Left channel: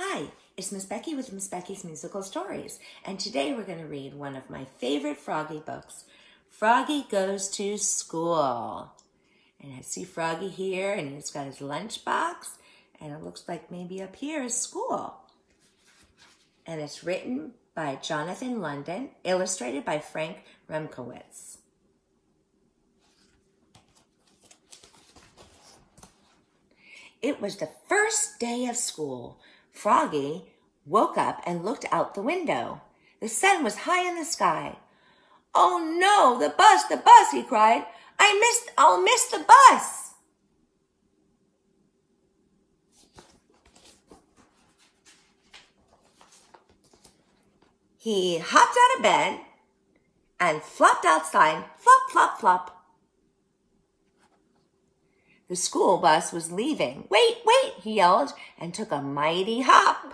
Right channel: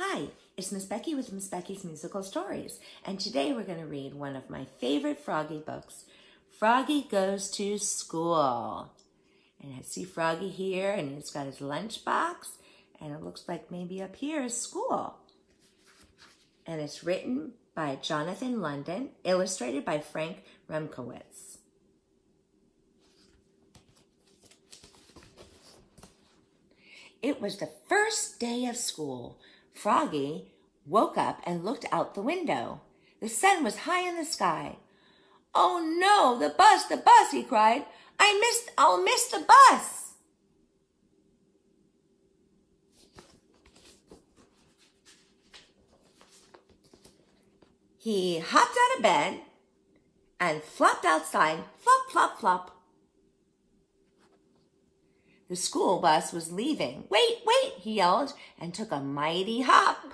Hi, it's Miss Becky with Miss Becky's Musical Stories, and today we're going to read one of my favorite Froggy books, Froggy Goes to School. And I see Froggy here, and he's got his lunchbox, and it looks like maybe up here is school. And it's written by Jonathan London, illustrated by Frank Remkowitz. It was the first day of school. Froggy woke up and looked out the window. The sun was high in the sky. "Oh no, the bus, he cried. I'll miss the bus." He hopped out of bed and flopped outside, flop, flop, flop. The school bus was leaving. "Wait, wait," he yelled, and took a mighty hop.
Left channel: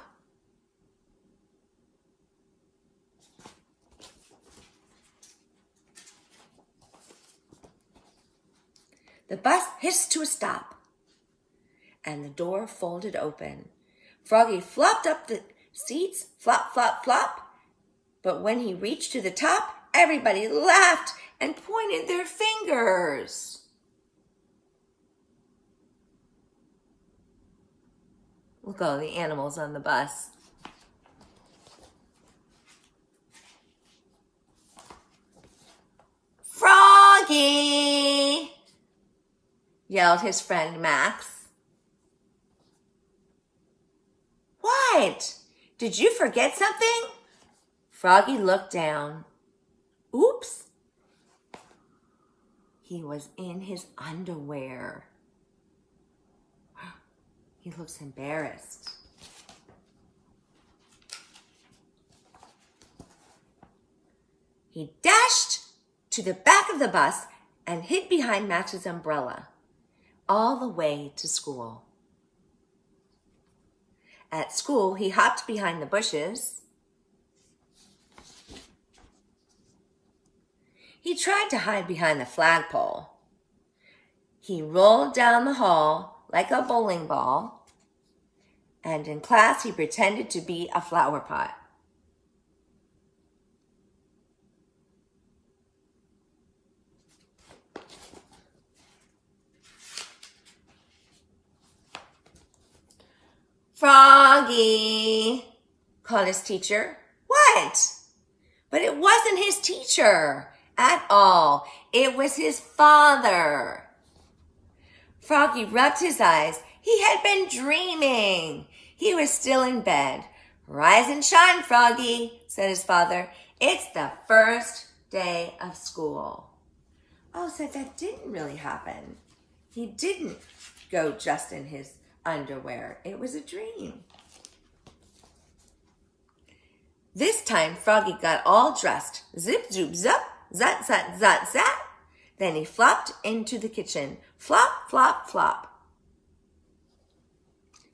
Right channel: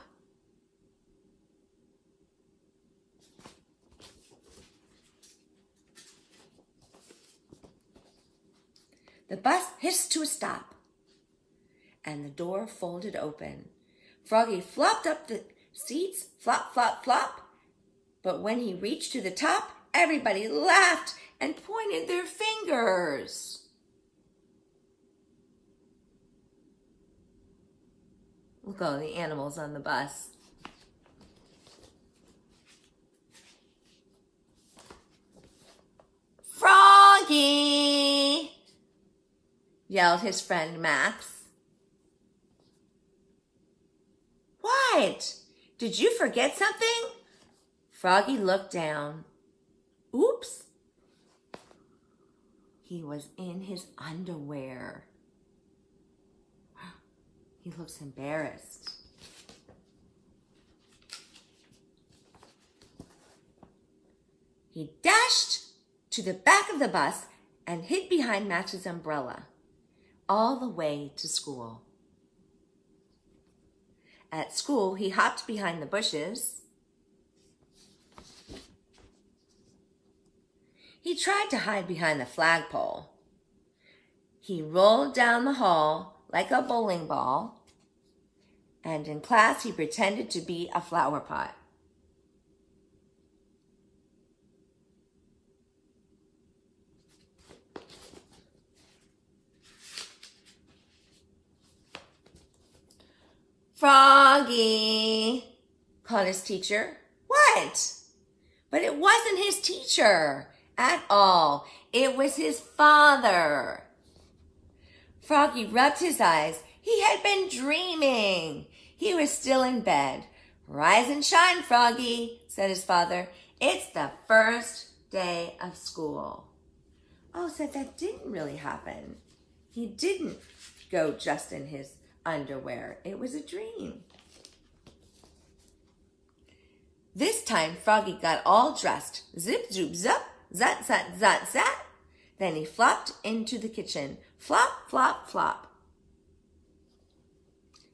The bus hissed to a stop, and the door folded open. Froggy flopped up the seats, flop, flop, flop. But when he reached to the top, everybody laughed and pointed their fingers. Look at all the animals on the bus. "Froggy!" yelled his friend Max. "What? Did you forget something?" Froggy looked down. Oops! He was in his underwear. He looks embarrassed. He dashed to the back of the bus and hid behind Max's umbrella, all the way to school. At school, he hopped behind the bushes. He tried to hide behind the flagpole. He rolled down the hall like a bowling ball, and in class he pretended to be a flower pot. "Froggy!" called his teacher. "What?" But it wasn't his teacher at all. It was his father. Froggy rubbed his eyes. He had been dreaming. He was still in bed. "Rise and shine, Froggy," said his father. "It's the first day of school." Oh, so that didn't really happen. He didn't go just in his underwear. It was a dream. This time, Froggy got all dressed. Zip, zoop, zup, zat, zat, zat, zat. Then he flopped into the kitchen. Flop, flop, flop.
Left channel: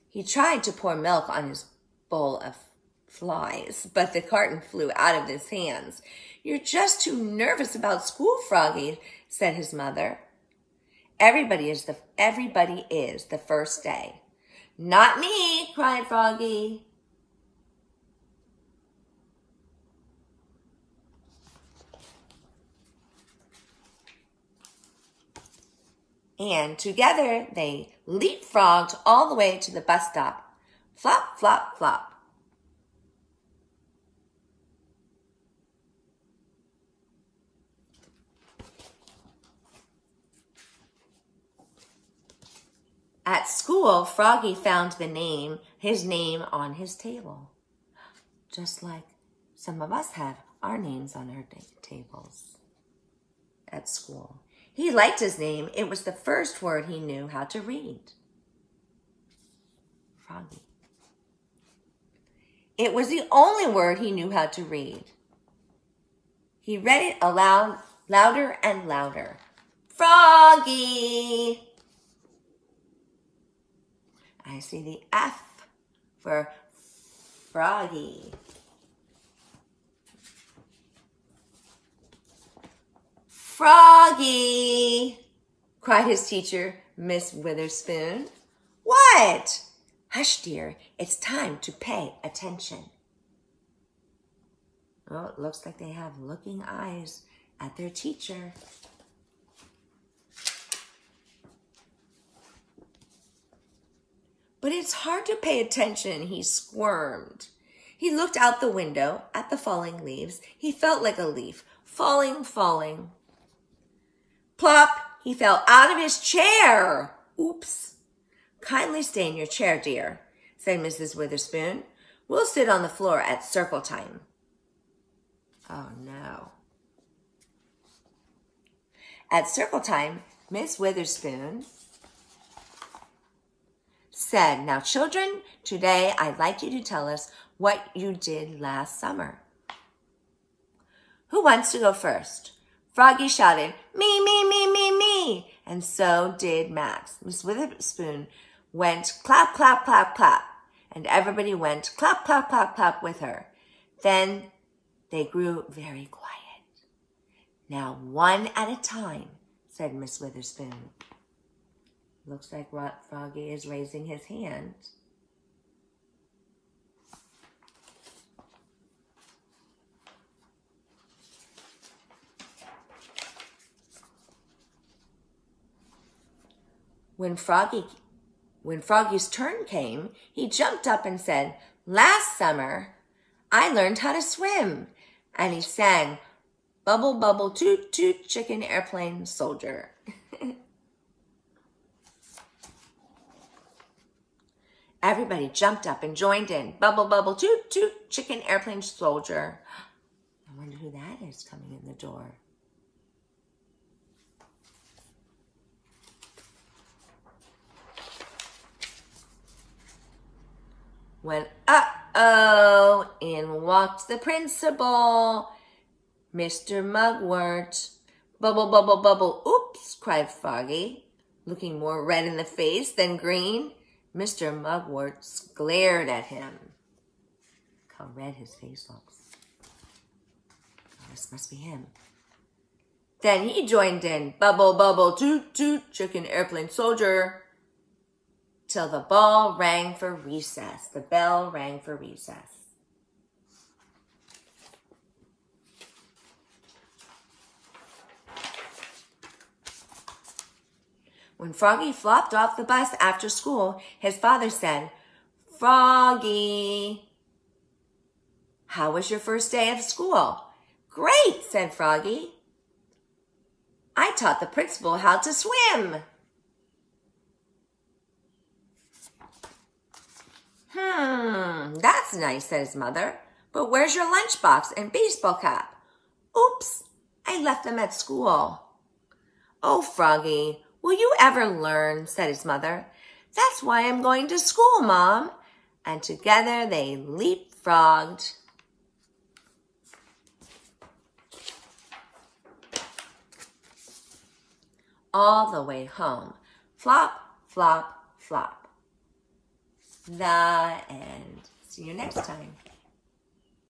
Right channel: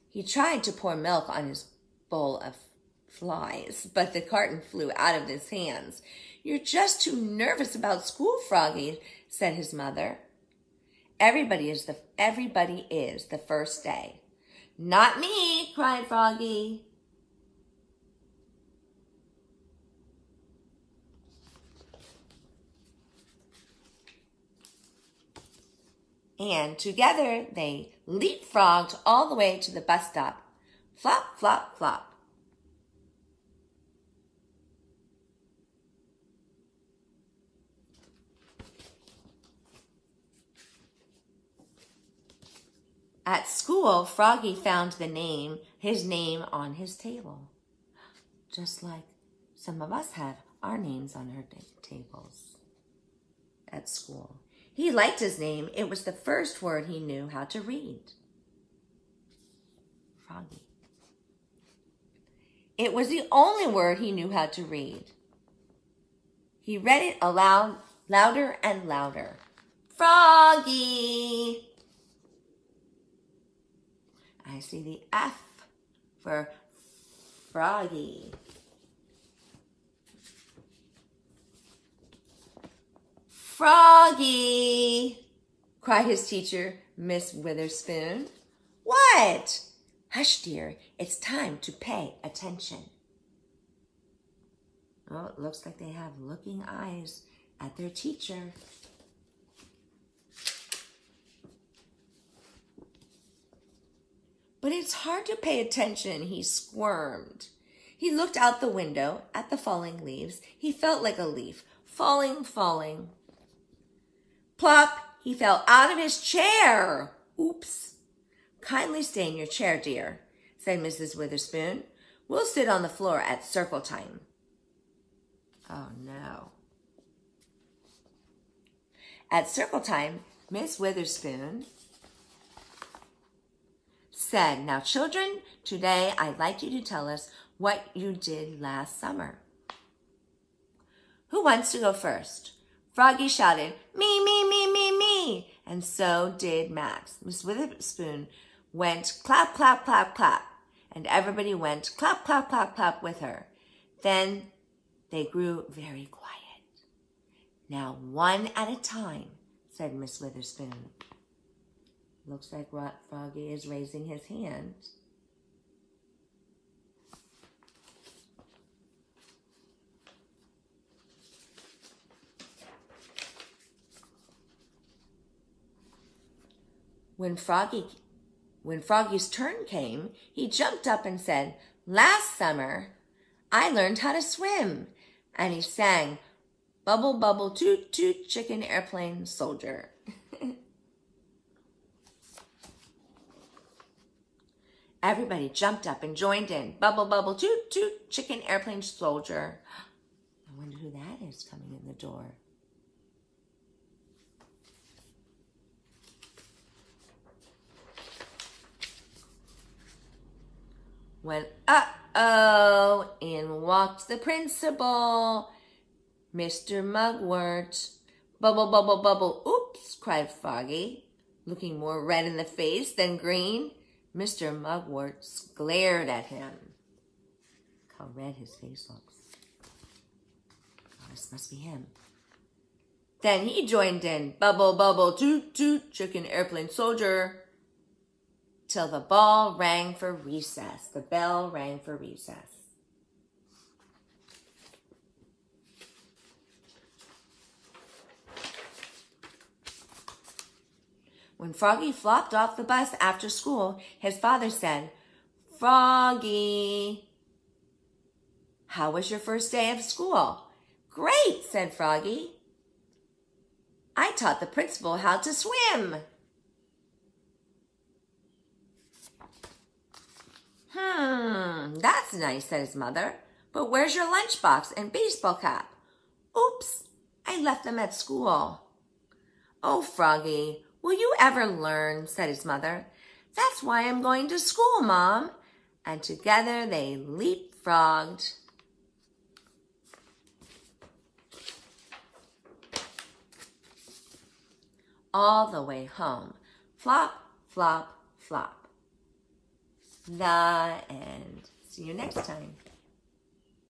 He tried to pour milk on his bowl of flies, but the carton flew out of his hands. "You're just too nervous about school, Froggy," said his mother. Everybody is the first day." "Not me," cried Froggy. And together they leapfrogged all the way to the bus stop. Flop, flop, flop. At school, Froggy found his name on his table. Just like some of us have our names on our tables at school. He liked his name. It was the first word he knew how to read. Froggy. It was the only word he knew how to read. He read it aloud, louder and louder. "Froggy!" I see the F for Froggy. "Froggy!" cried his teacher, Miss Witherspoon. "What?" Hush, dear, it's time to pay attention. Well, it looks like they have looking eyes at their teacher. But it's hard to pay attention, he squirmed. He looked out the window at the falling leaves. He felt like a leaf, falling, falling. Plop, he fell out of his chair. Oops. Kindly stay in your chair, dear, said Mrs. Witherspoon. We'll sit on the floor at circle time. Oh, no. At circle time, Miss Witherspoon said, now, children, today I'd like you to tell us what you did last summer. Who wants to go first? Froggy shouted, me, me, me, me, me. And so did Max. Miss Witherspoon went clap, clap, clap, clap. And everybody went clap, clap, clap, clap with her. Then they grew very quiet. Now, one at a time, said Miss Witherspoon. Looks like Froggy is raising his hand. When Froggy's turn came, he jumped up and said, last summer, I learned how to swim. And he sang, bubble, bubble, toot, toot, chicken, airplane, soldier. Everybody jumped up and joined in. Bubble, bubble, toot, toot, chicken, airplane, soldier. I wonder who that is coming in the door. When, uh-oh, in walked the principal, Mr. Mugwort. Bubble, bubble, bubble, oops, cried Froggy, looking more red in the face than green. Mr. Mugwort glared at him. Look how red his face looks. Oh, this must be him. Then he joined in, bubble, bubble, toot, toot, chicken, airplane, soldier, till the bell rang for recess. The bell rang for recess. When Froggy flopped off the bus after school, his father said, Froggy, how was your first day of school? Great, said Froggy. I taught the principal how to swim. That's nice, said his mother. But where's your lunchbox and baseball cap? Oops, I left them at school. Oh, Froggy, will you ever learn, said his mother. That's why I'm going to school, Mom. And together they leapfrogged. All the way home. Flop, flop, flop. The end. See you next time.